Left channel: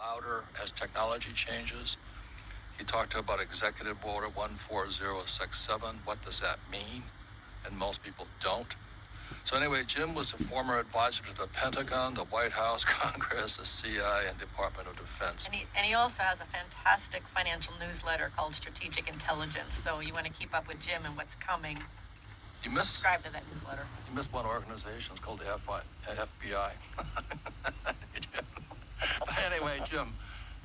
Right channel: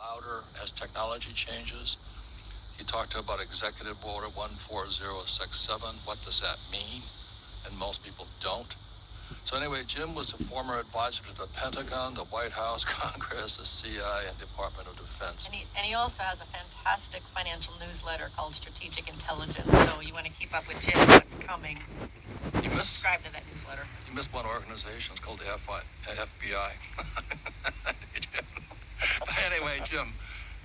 louder as technology changes. He talked about Executive Order 14067. What does that mean? And most people don't. So anyway, Jim was a former advisor to the Pentagon, the White House, Congress, the CIA, and Department of Defense. And he also has a fantastic financial newsletter called Strategic Intelligence. So you want to keep up with Jim, what's coming. Subscribe to that newsletter. You missed one organization. It's called the FBI. But anyway, Jim,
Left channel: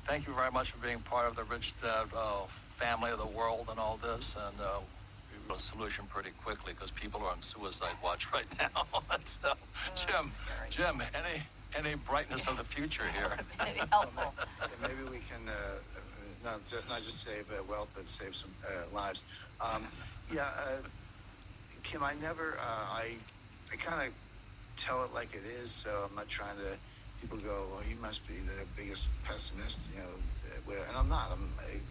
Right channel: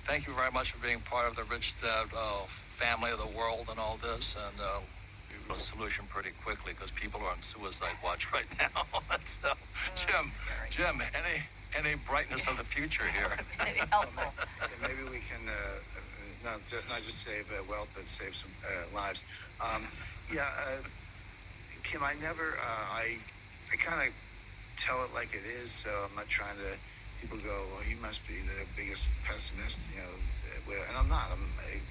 thank you very much for being part of the rich dad family of the world and all this. And we have a solution pretty quickly because people are on suicide watch right now. So, Jim, any brightness of the future here? Maybe helpful. Maybe we can not just save wealth, but save some lives. Kim, I kind of tell it like it is, so I'm not trying to. People go, well, you must be the biggest pessimist, and I'm not.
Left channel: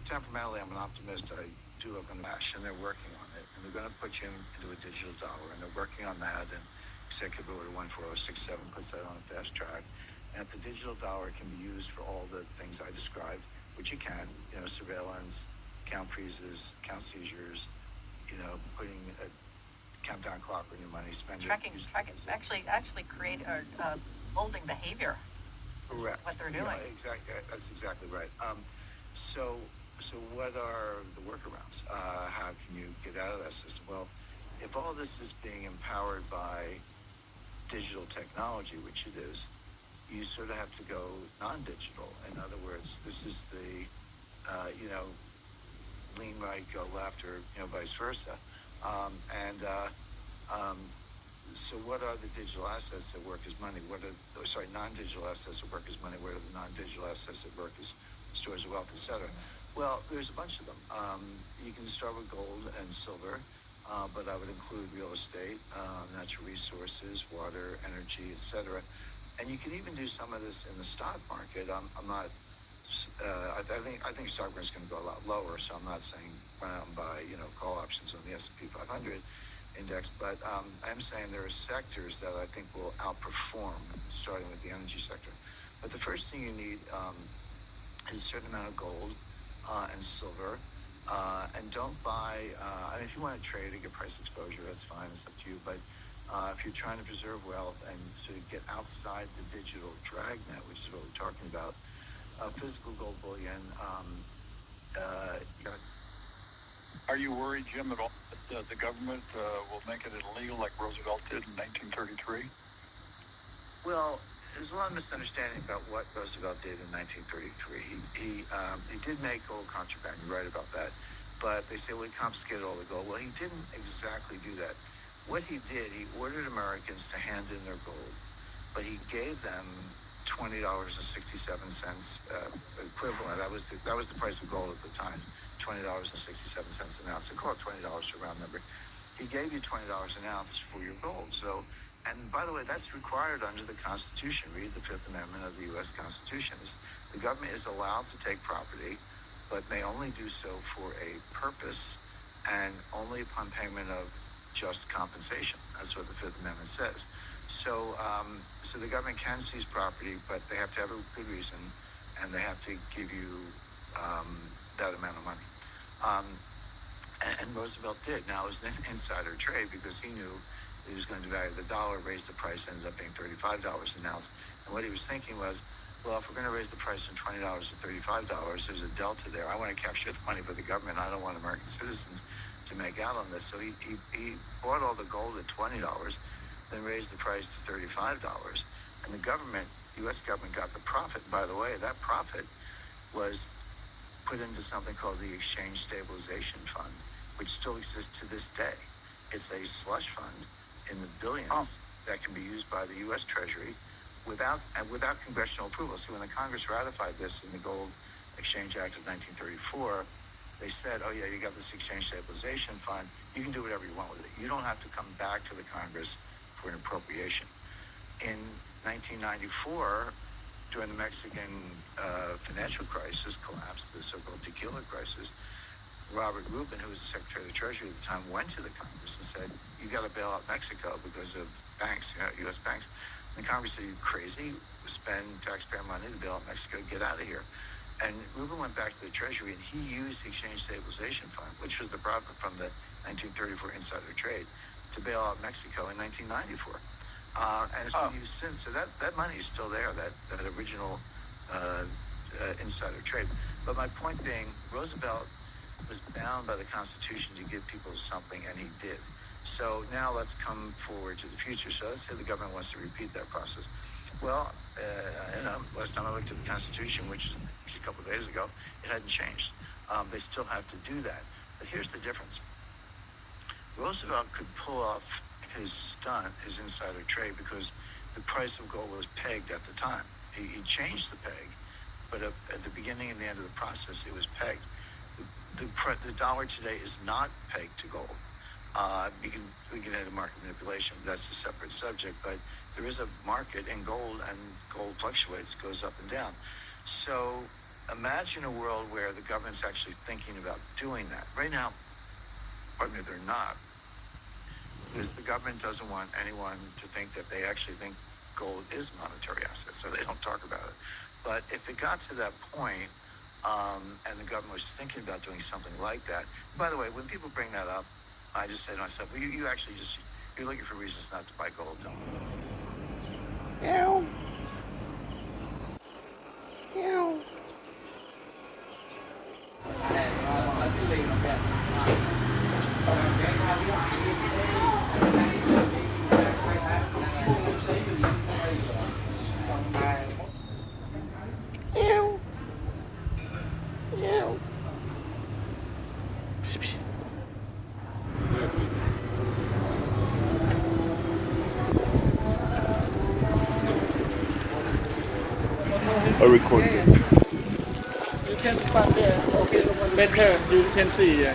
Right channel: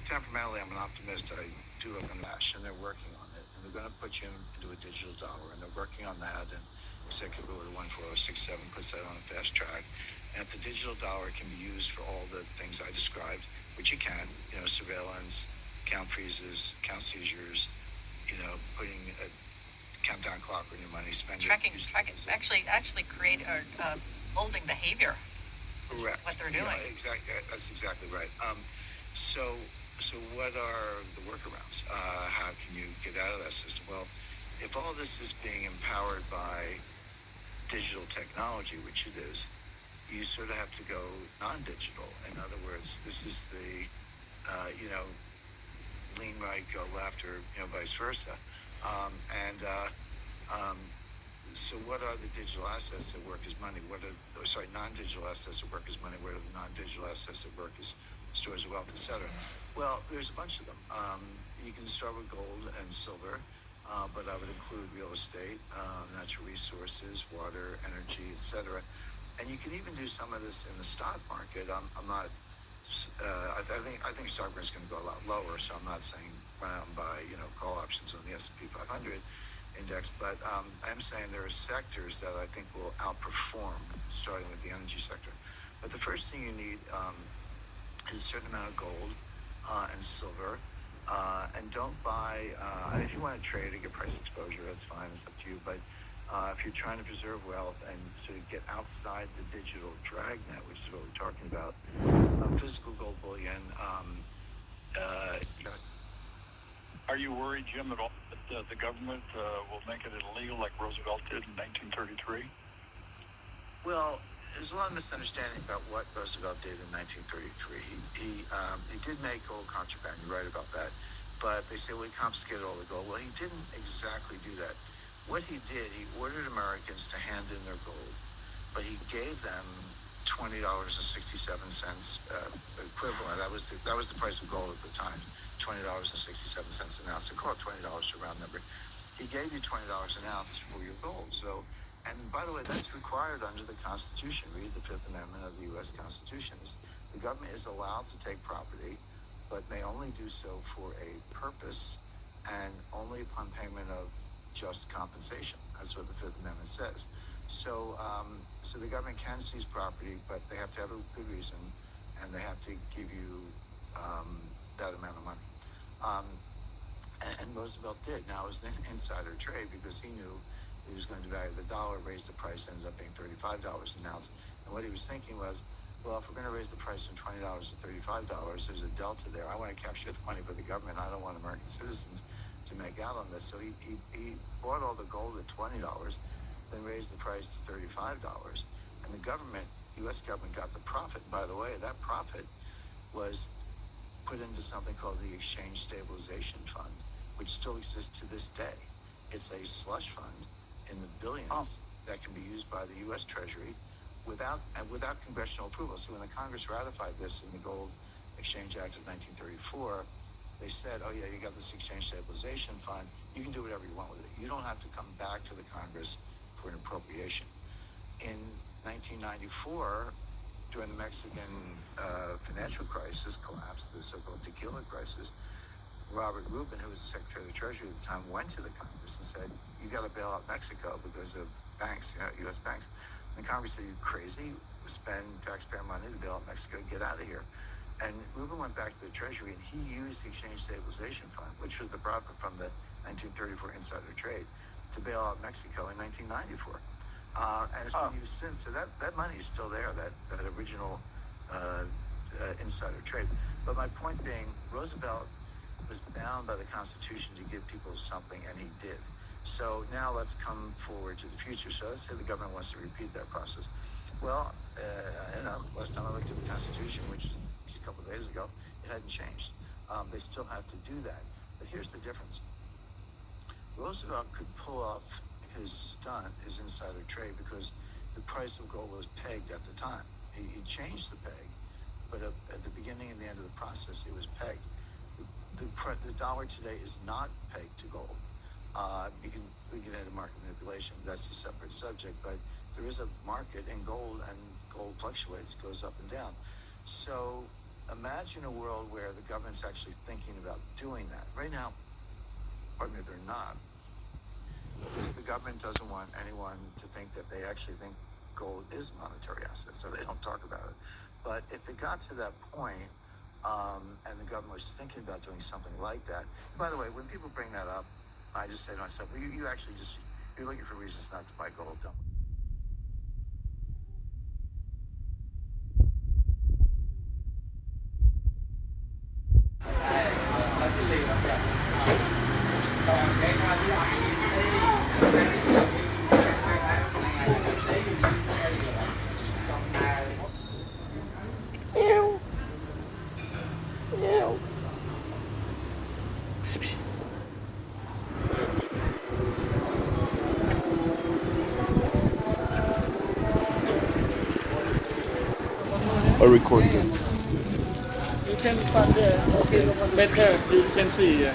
Temperamentally, I'm an optimist. I do look on the ash, and they're working on it, and they're going to put you into a digital dollar, and they're working on that, and Executive Order 14067 puts that on a fast track. And if the digital dollar can be used for all the things I described, which it can, surveillance, account freezes, account seizures, putting a countdown clock on your money, spending, tracking, actually create holding behavior. Correct. What they're doing. Yeah, exactly. That's exactly right. So what are the workarounds? How can you get out of that system? Well, if all this is being empowered by digital technology, which it is, you sort of have to go non-digital. In other words, this is the, lean right, go left, or vice versa. So what are the digital assets that work as money? Non-digital assets that work as money? What are the non-digital assets that work as stores of wealth, et cetera? Well, there's a bunch of them. You can start with gold and silver, but I would include real estate, natural resources, water, energy, et cetera. And you can even do some of this in the stock market. I'm not. I think stock market is going to go a lot lower, so I'm not saying run out and buy call options on the S&P 500 index, but I'm saying there are sectors that I think will outperform, starting with the energy sector. But the first thing you need is a certain amount of gold and silver, and don't buy. If you want to trade or get price exposure, that's fine. It's up to you. But if you're trying to preserve wealth and to get outside the digital dragnet, which is what we're talking about, physical gold bullion. Are you worried, Jim, at all that the government will make it illegal like Roosevelt did in 1933? Well, there's a lot of misunderstanding about what Roosevelt did in 1933. He did make gold contraband. You're right about that. But they say, well, he confiscated all the gold. Well, he didn't exactly do that. What he did, he ordered Americans to hand in their gold, but he gave them $20.67 equivalent. That was the price of gold at the time, $20.67 an ounce. So call it $20 to round number. He gave you $20 an ounce for your gold. So, and by the way, that's required under the Constitution. Read the Fifth Amendment of the U.S. Constitution. The government is allowed to take property, but may only do so for a purpose and only upon payment of just compensation. That's what the Fifth Amendment says. So the government can seize property, but they have to have a good reason, and they have to give you that amount of money. And Roosevelt did. Now, it was an insider trade because he knew he was going to value the dollar, raise the price, ends up being $35 an ounce. And what he was thinking was, well, if we're going to raise the price from $20 to $35, there's a delta there. I want to capture the money for the government. I don't want American citizens to make out on this. So he bought all the gold at $20, then raised the price to $35. And the government, U.S. government, got the profit. By the way, that profit was put into something called the Exchange Stabilization Fund, which still exists to this day. It's a slush fund in the billions that can be used by the U.S. Treasury without congressional approval. See, when the Congress ratified this in the Gold Exchange Act of 1934, they said, oh yeah, you got this Exchange Stabilization Fund, you can do whatever you want with it. You don't have to come back to the Congress for an appropriation. In 1994, during the Mexican financial crisis, collapse, the so-called tequila crisis, Robert Rubin, who was the Secretary of the Treasury at the time, went to the Congress and said, you got to bail out Mexico because of banks, U.S. banks. And the Congress said, are you crazy? spend taxpayer money to bail out Mexico, get out of here. And Rubin went back to the Treasury and he used the Exchange Stabilization Fund, which was the profit from the 1934 insider trade, to bail out Mexico in 1994. And it's been used since. So that money is still there, that original insider trade. But my point being, Roosevelt was bound by the Constitution to give people something, and he did. So now let's come forward to the future. So let's say the government wants to repeat that process. Well, last time I looked at the Constitution, which is a couple of days ago, it hadn't changed. They still have to do that. But here's the difference. Roosevelt could pull off his stunt, his insider trade, because the price of gold was pegged at the time. He changed the peg, but at the beginning and the end of the process, it was pegged. The dollar today is not pegged to gold. We can add a market manipulation. That's a separate subject, but there is a market in gold, and gold fluctuates, goes up and down. So imagine a world where the government's actually thinking about doing that. Right now, pardon me, they're not, because the government doesn't want anyone to think that they actually think gold is a monetary asset, so they don't talk about it. But if it got to that point, and the government was thinking about doing something like that. By the way, when people bring that up, I just say to myself, well, you actually you're looking for reasons not to buy gold, don't you? Meow. Meow. Meow. Meow. Psst, psst. Or recording. You can start there. Okay, better. You can see.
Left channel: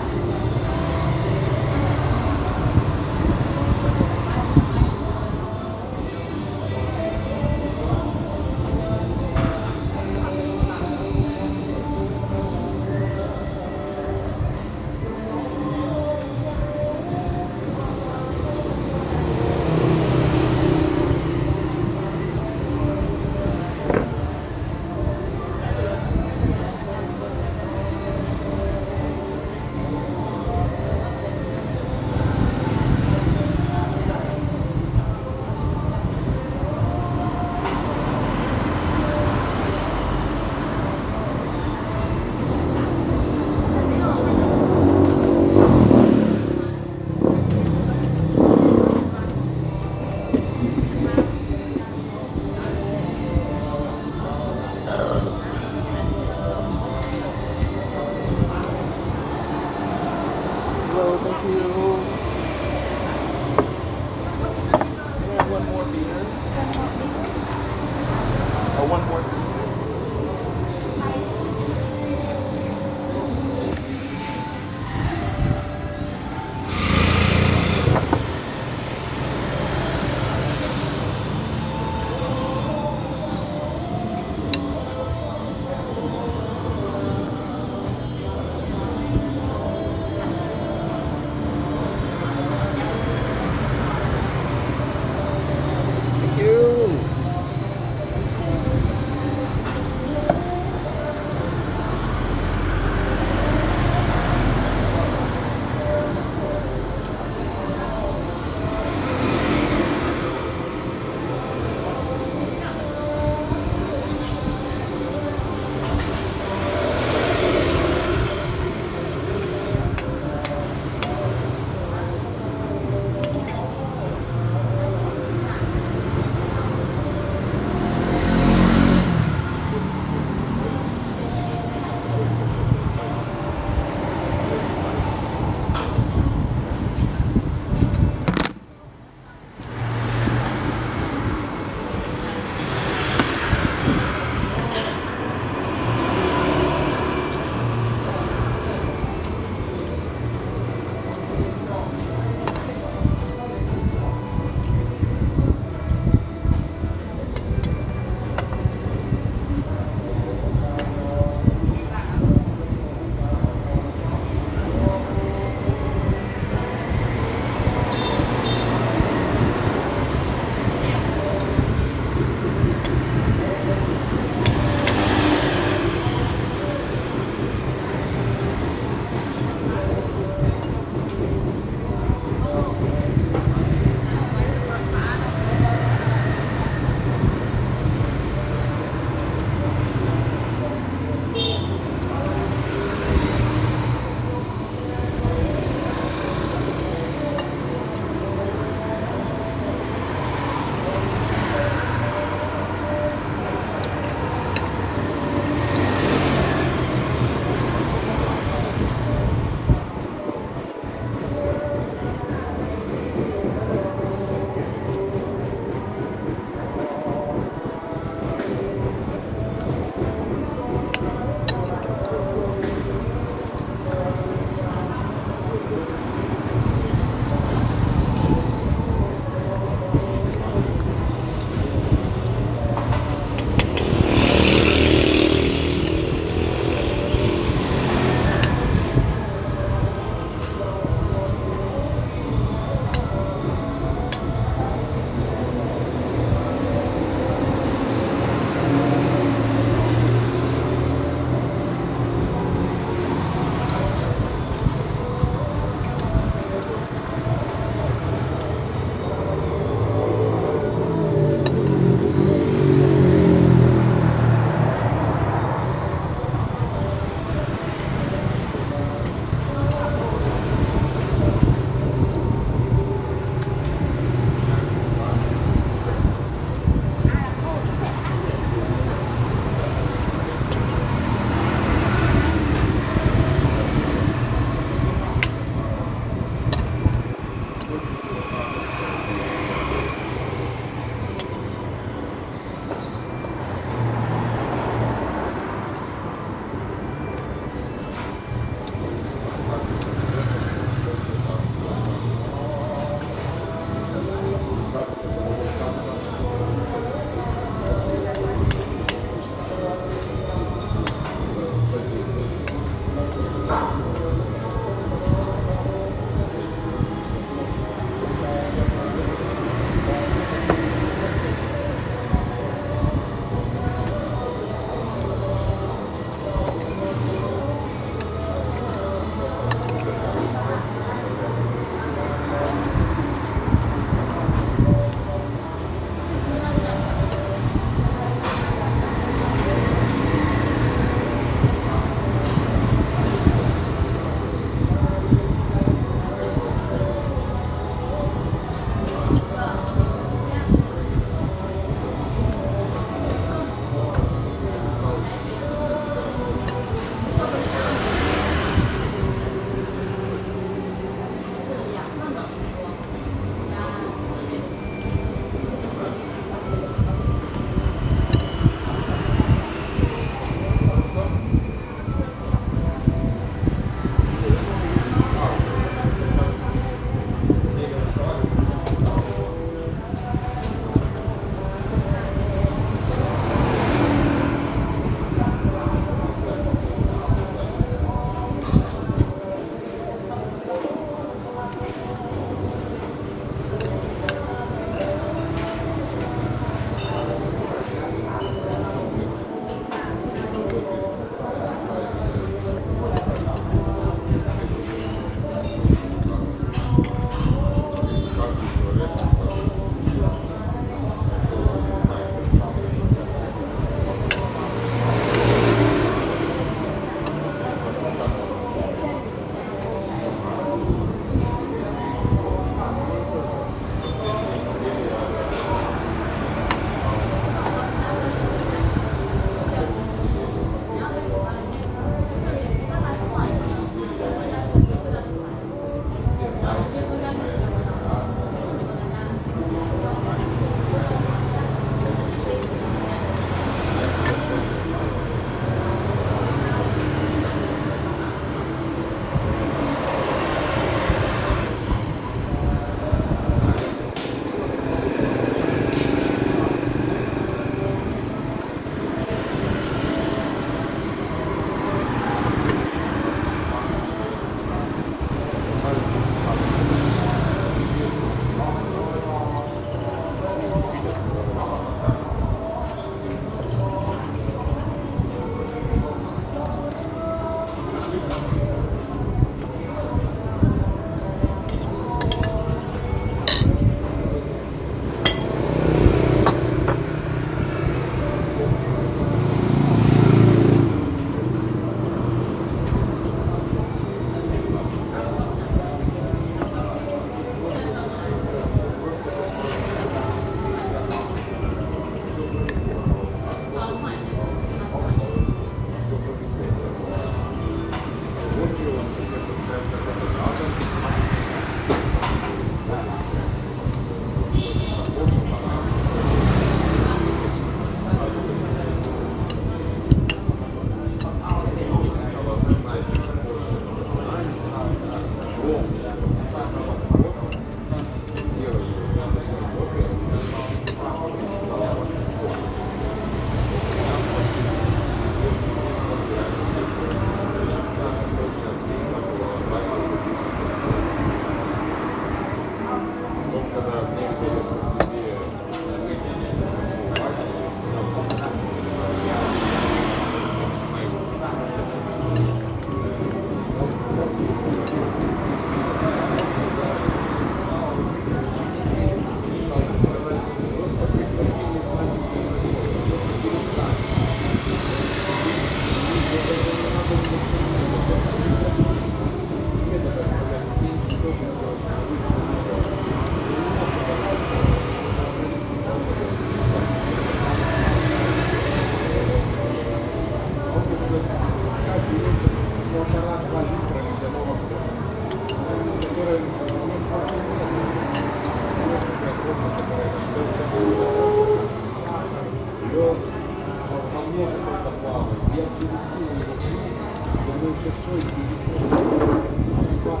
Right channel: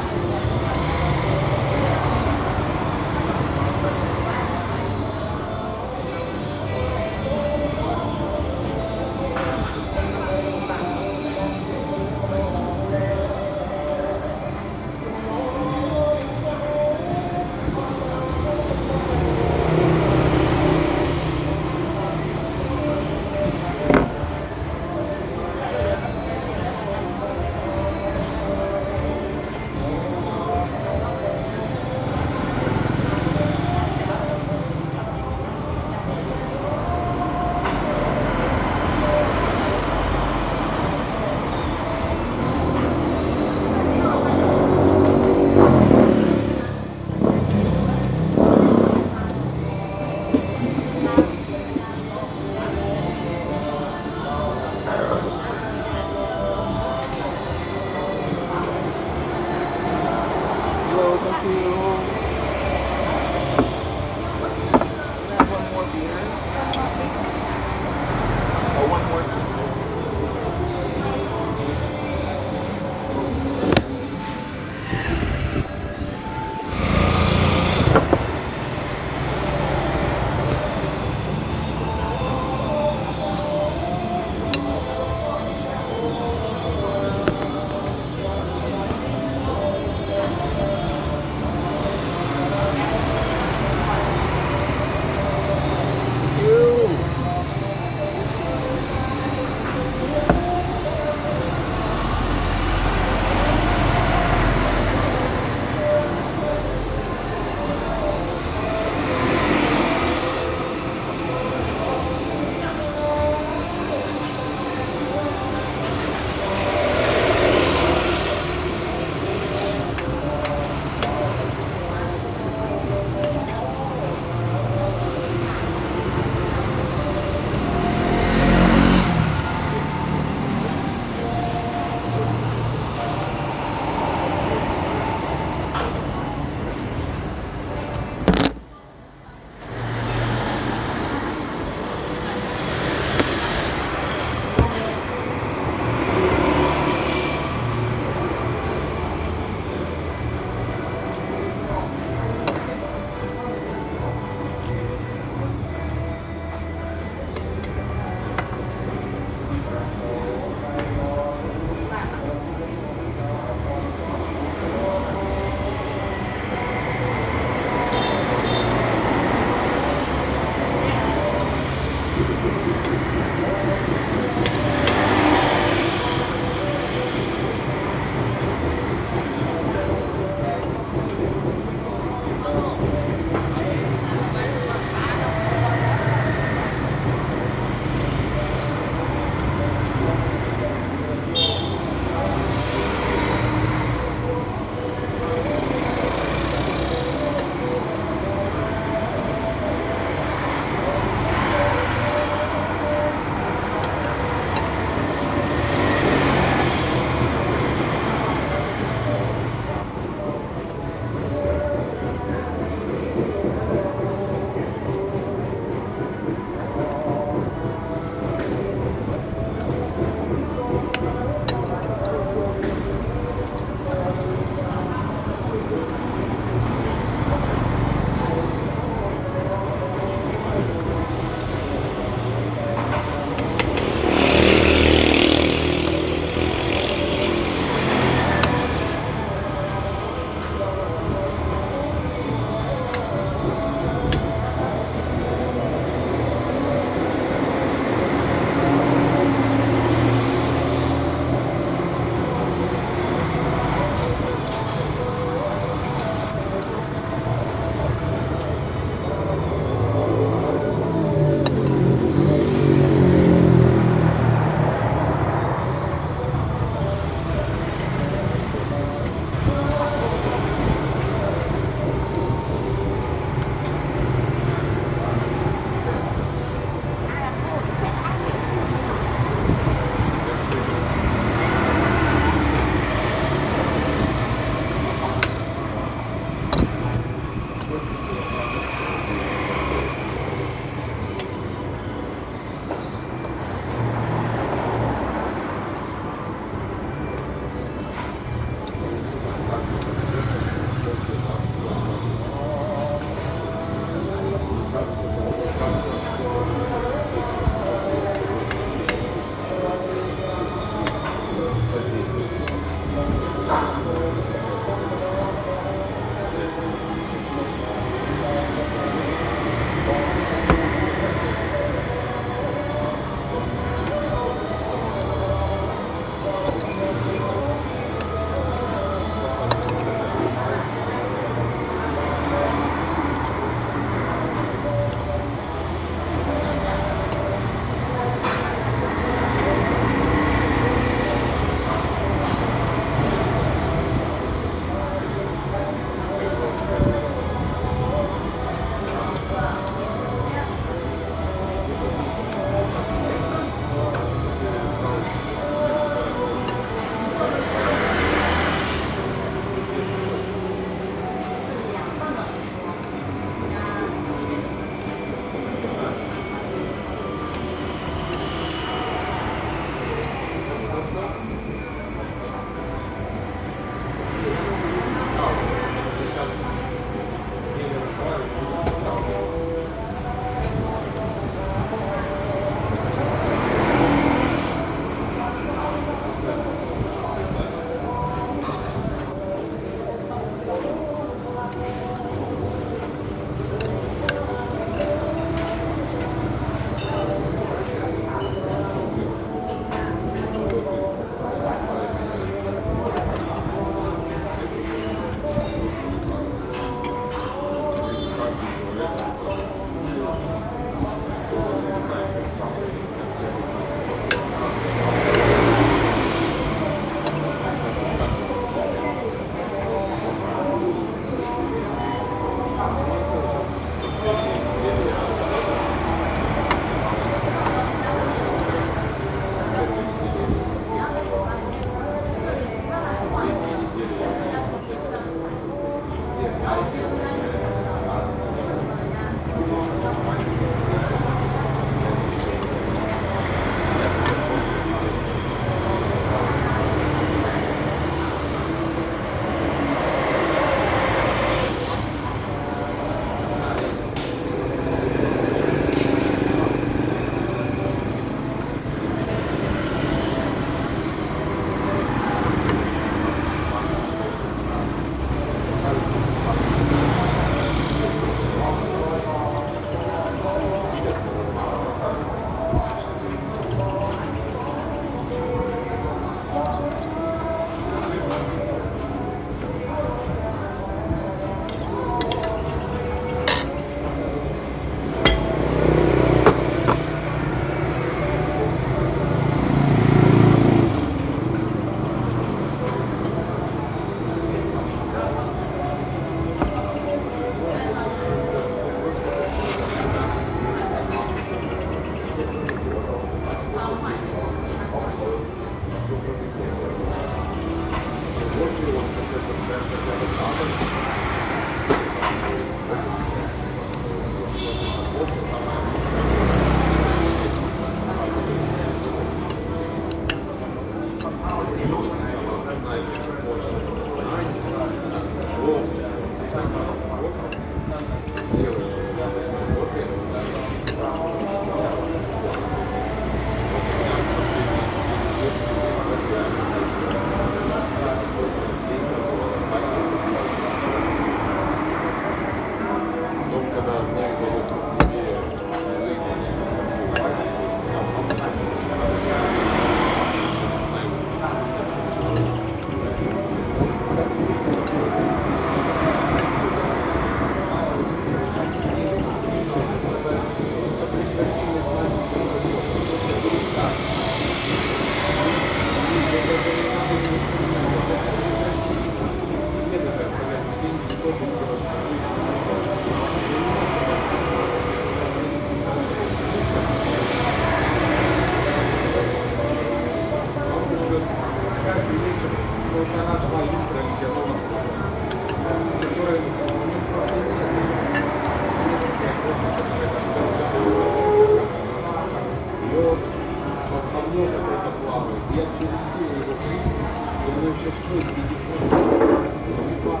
через силу его жизни, и оно еще стоит 50 долларов. Если так,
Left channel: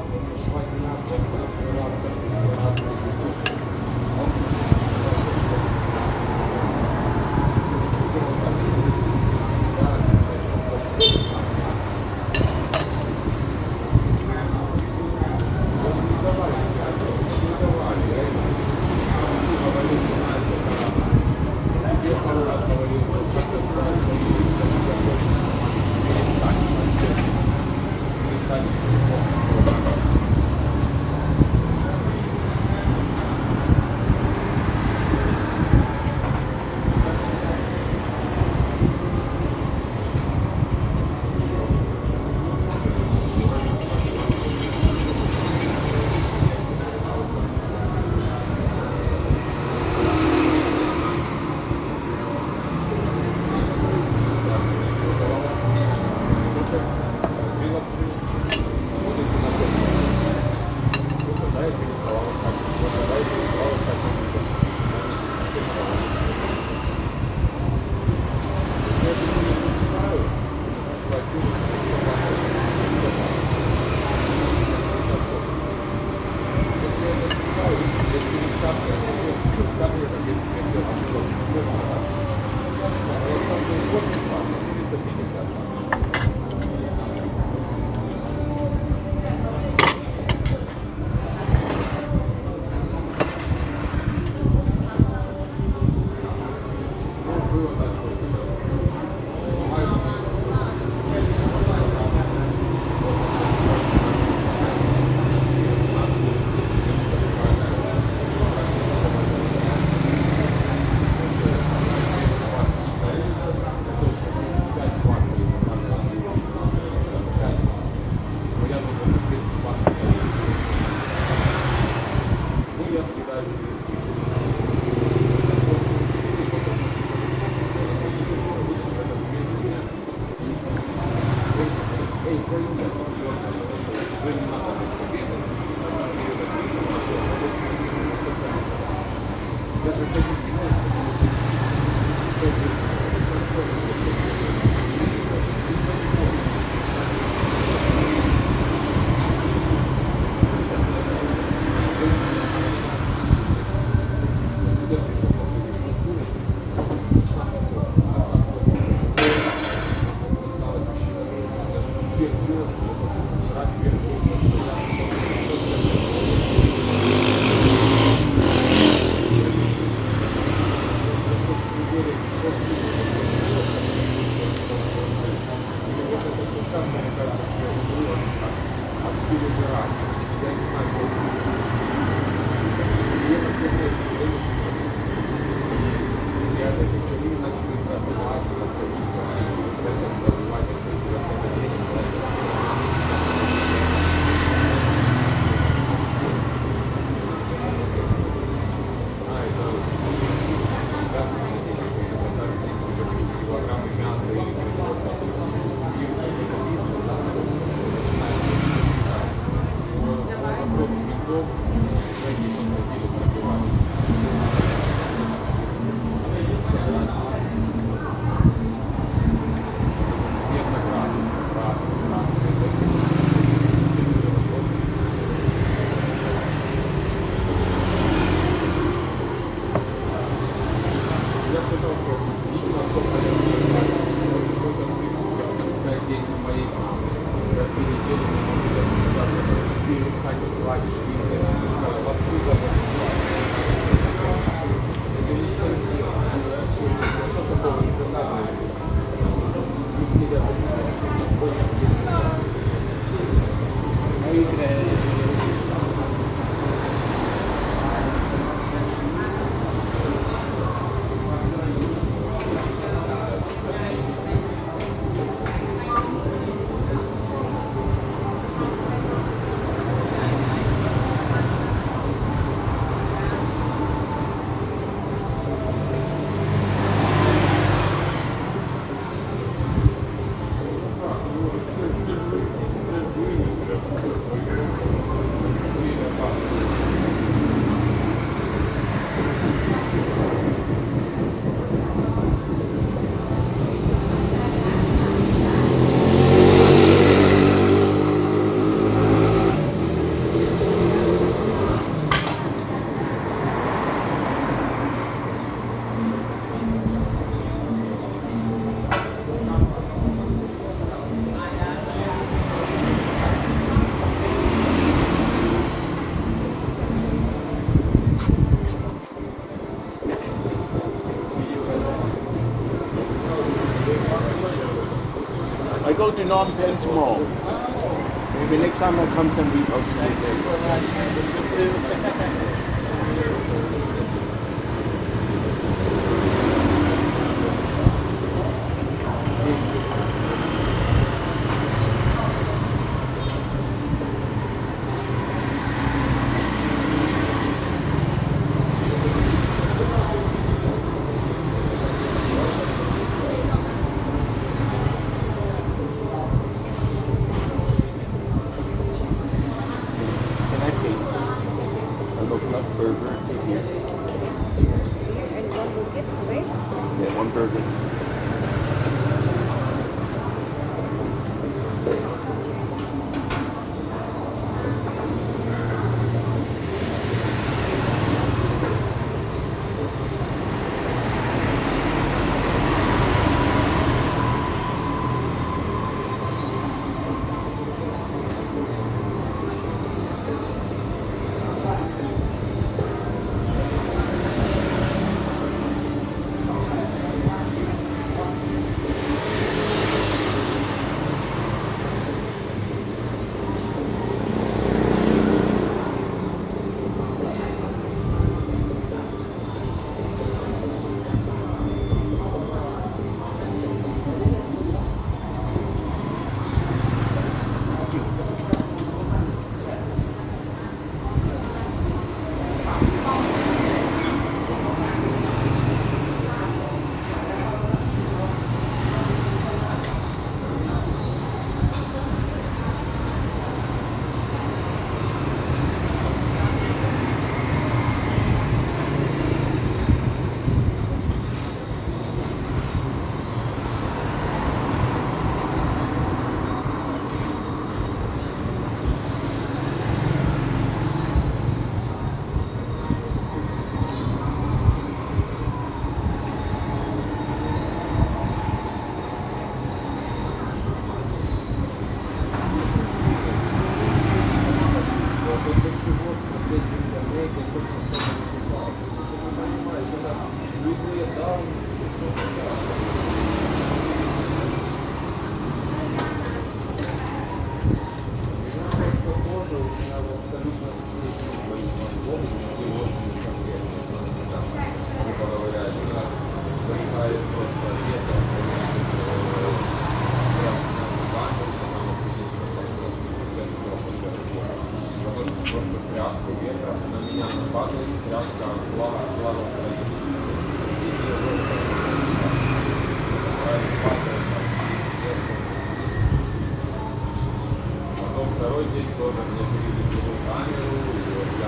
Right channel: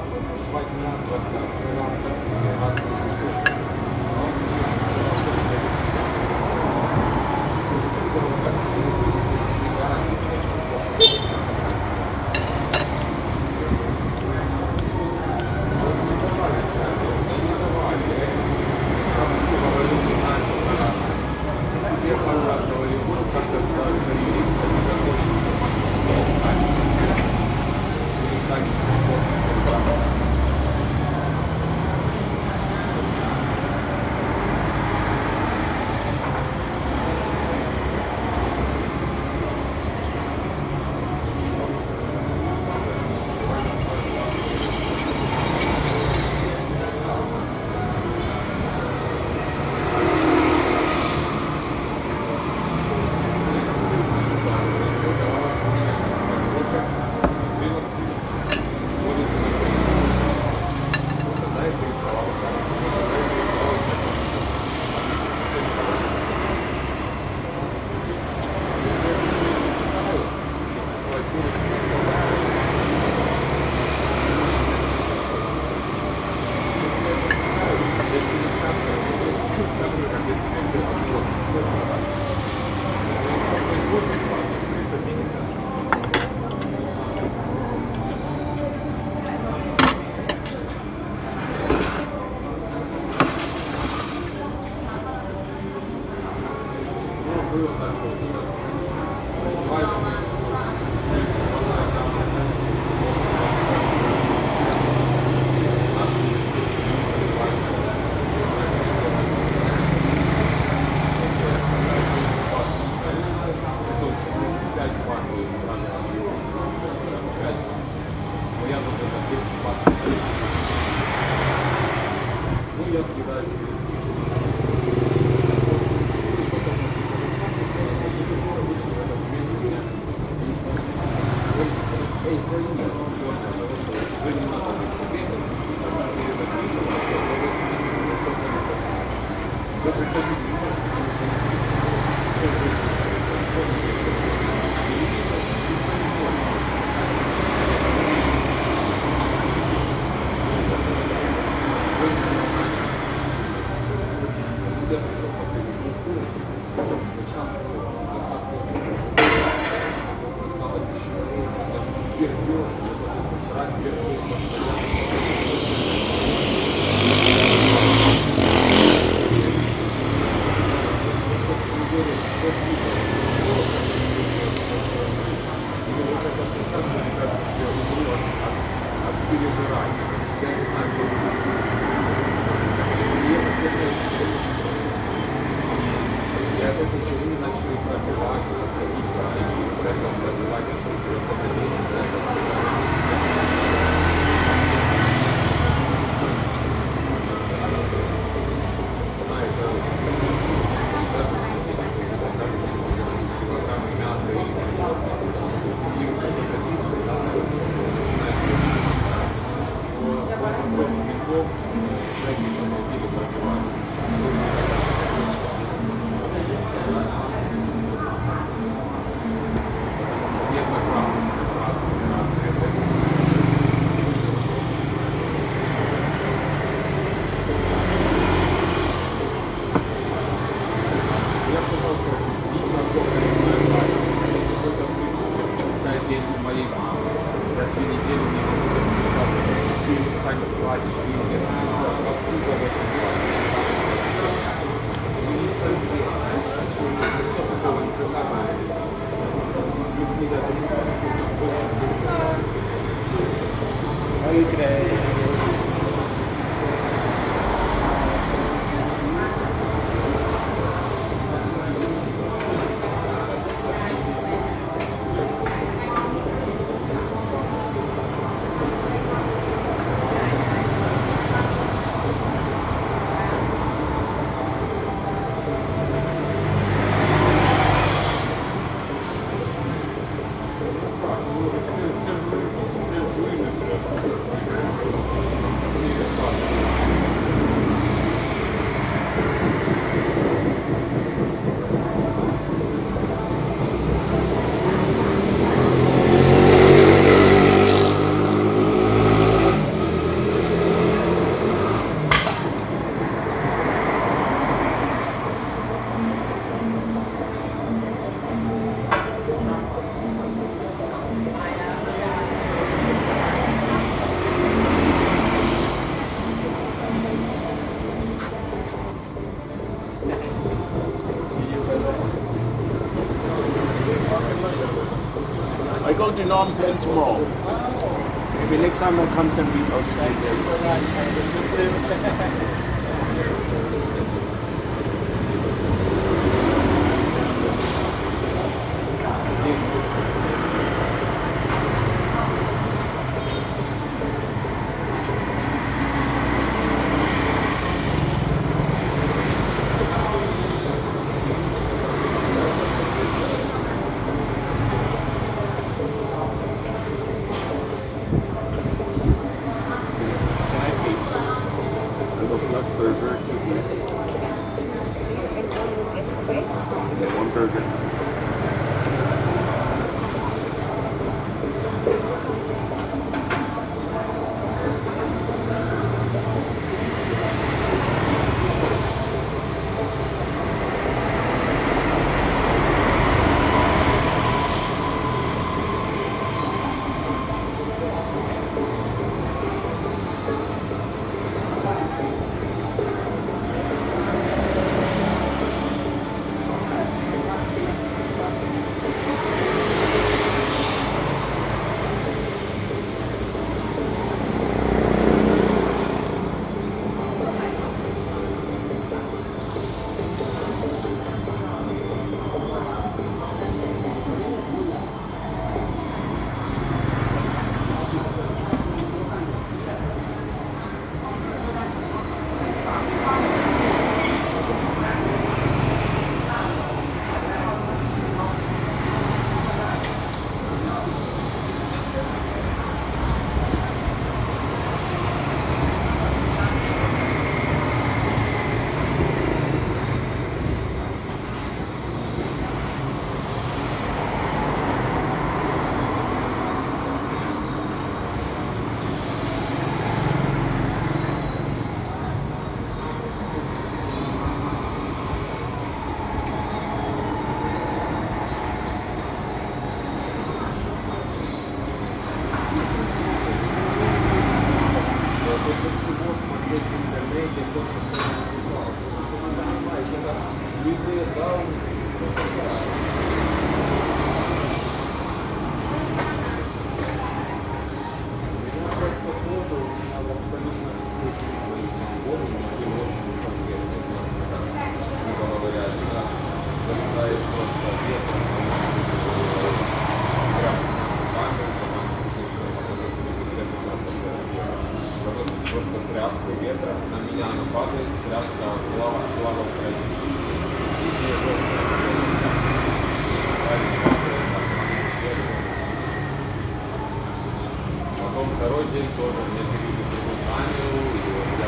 звать надо, открываться разные культуры. I go to Phnom Penh tomorrow. Maybe next time I'll come send you outside there. Burger. Yeah, one burger. Второй день тоже мне перевели камеру, и вот я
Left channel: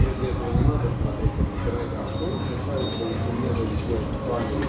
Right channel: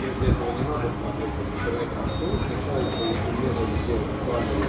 Если этого не надо смотреть, то интернет настроить, сначала полифилировать, сделать камеру,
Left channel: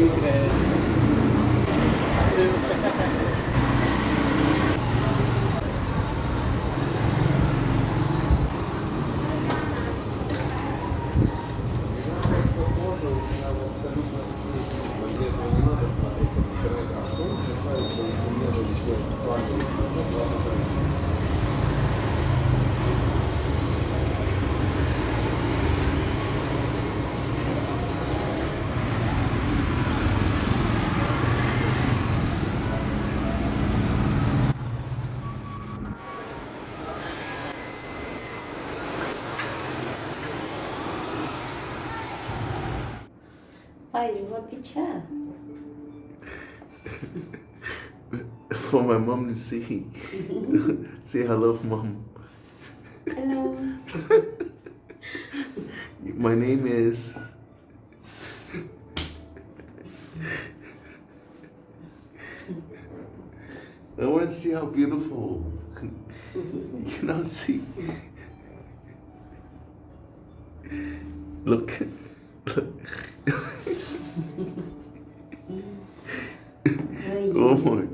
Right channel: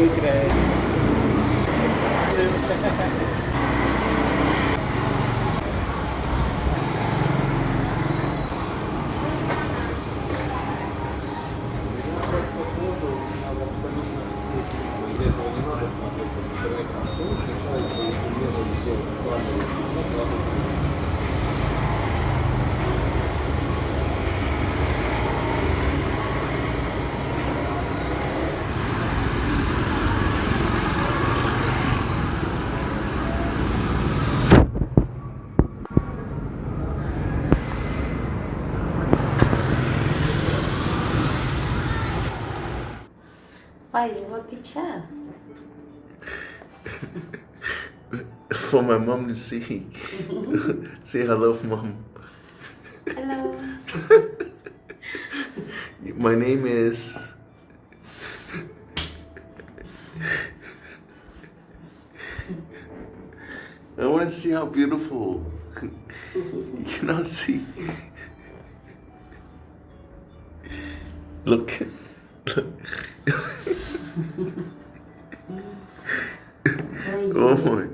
you today? Why do you want picture? For my mom to see. Say hello, mom. Hello. My name is. I want to see how beautiful. You cannot see. Look. Oh my.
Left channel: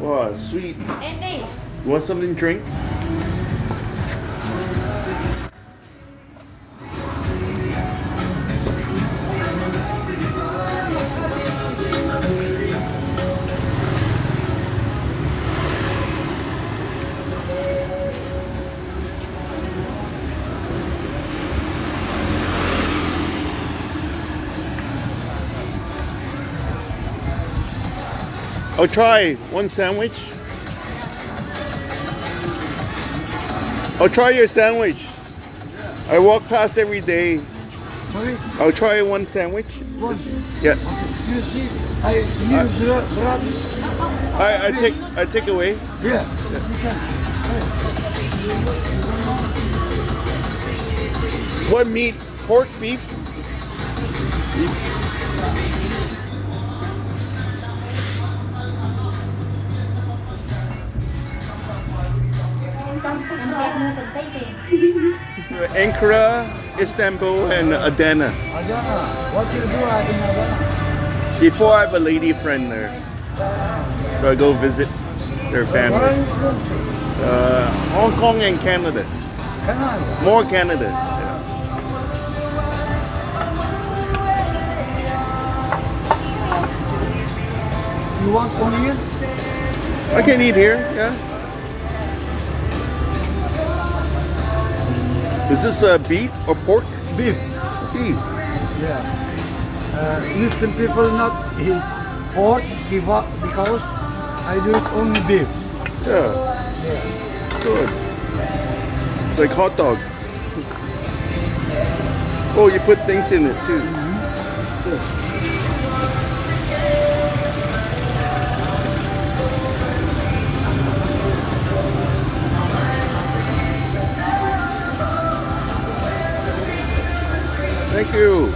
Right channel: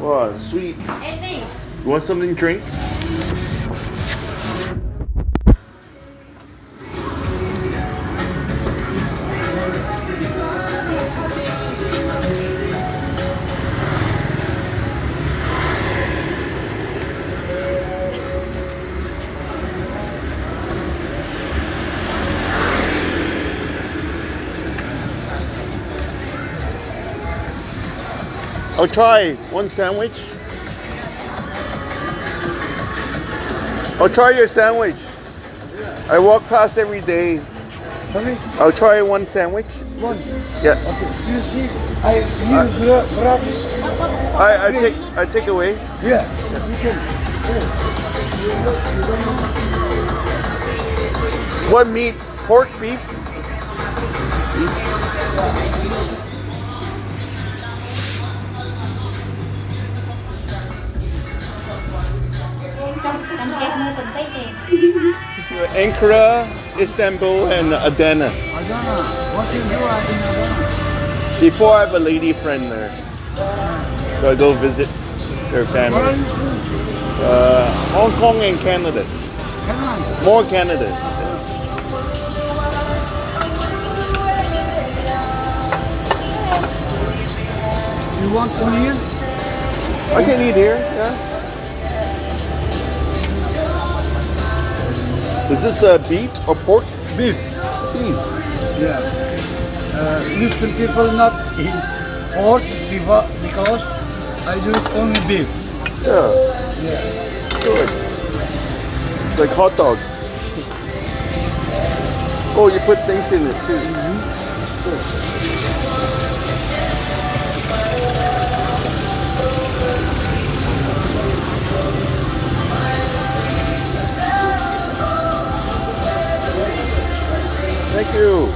Wow, sweet. You want something to drink? I'll try one sandwich. I'll try your sandwich. I walk past every day. Sorry? I'll try one sandwich. One. Yeah. I take away. Yeah. What meat? Pork, beef? Ankara, Istanbul, and Adana. What do you do in Adana? Before I have a lady friend there, so I go visit their family. Hong Kong and Canada. More Canada. Yeah. You want one here? I can eat here. Yeah. Is this beef or pork? Beef. Beef. Yeah. Muslim people not eat pork because I do it only beef. Yeah. Yeah. Good. It's like hot dog. Oh, you put things in it too. Thank you.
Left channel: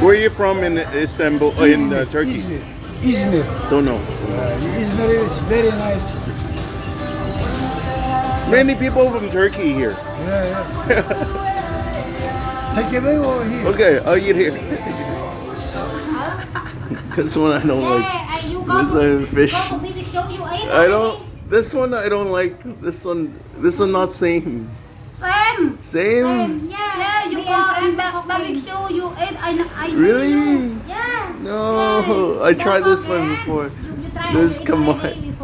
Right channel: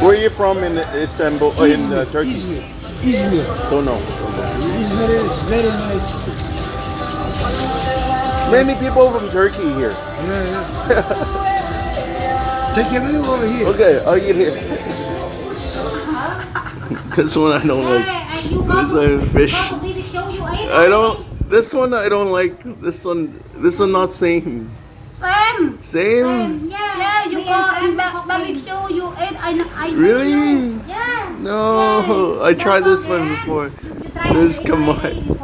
Where are you from in Istanbul, in Turkey? Izmir. Don't know. Izmir is very nice. Many people from Turkey here. Yeah. Take away over here. Okay, I'll eat here. This one I don't like. This one fish. I don't. This one I don't like. This one not same. Same. Same? Yeah, you go and barbecue, you eat, I Really? Yeah. No, I tried this one before. This come on.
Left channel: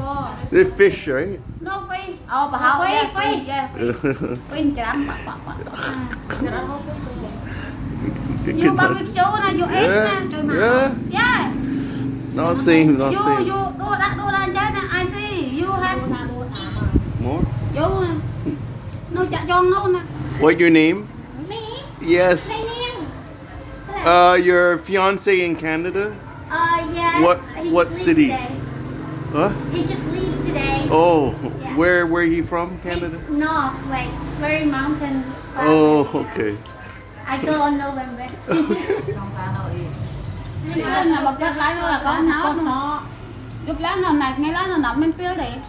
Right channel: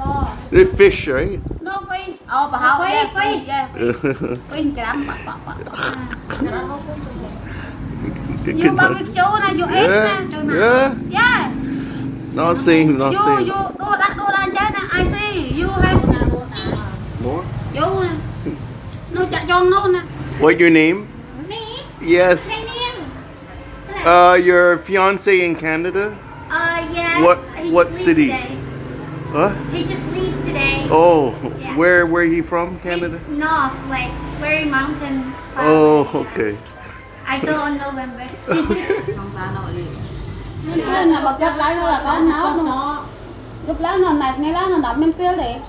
They're fish, right? No fish. Oh, but how? Yeah, fish. Yeah, fish. Fish You barbecue na, you eat na. Yeah. Yeah. Not same, not You same. do that, I see. You have. More? You. No, chặt giòn luôn nè. What your name? Me. Yes. Your fiance in Canada? Yes. What just leave city? Today. Huh? He just leave today. Oh, Yeah. where he from? Canada? He's north, like very mountain. Far Oh, away, yeah. okay. I go on November. Nên là một chất lấy đó là có nó lúc lát nó nạt nghe lá nó nọc men pía liền.